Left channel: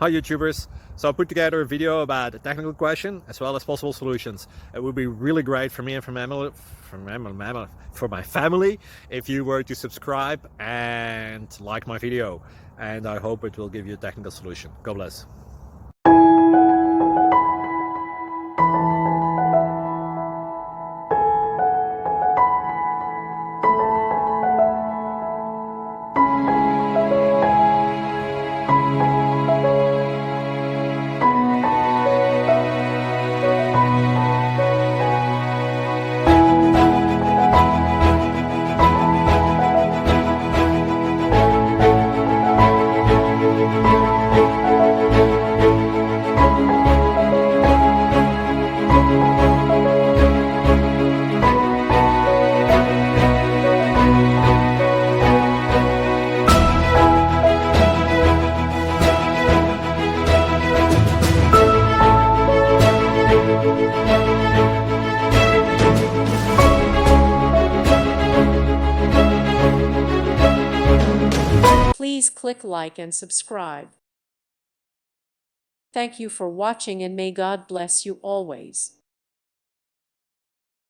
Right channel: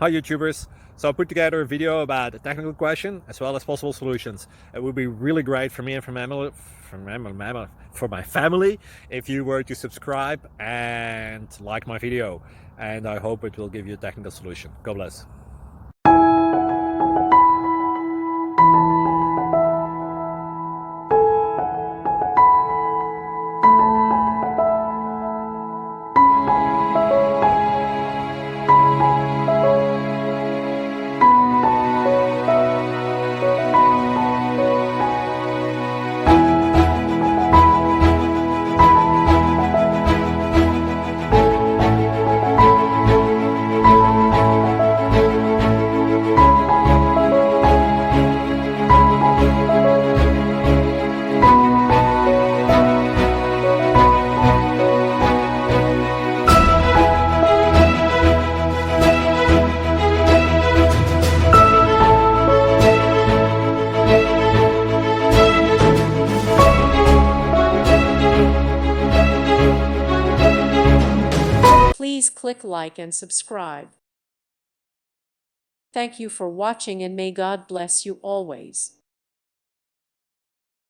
Hi YouTubers! So I put together a video about a technical question as well as possible solutions. It would be really great for me and for my family if you were to subscribe and like my video, and I hope it will give you a technical solution. God bless. Please click like and subscribe. Thank you for watching and may God bless you always.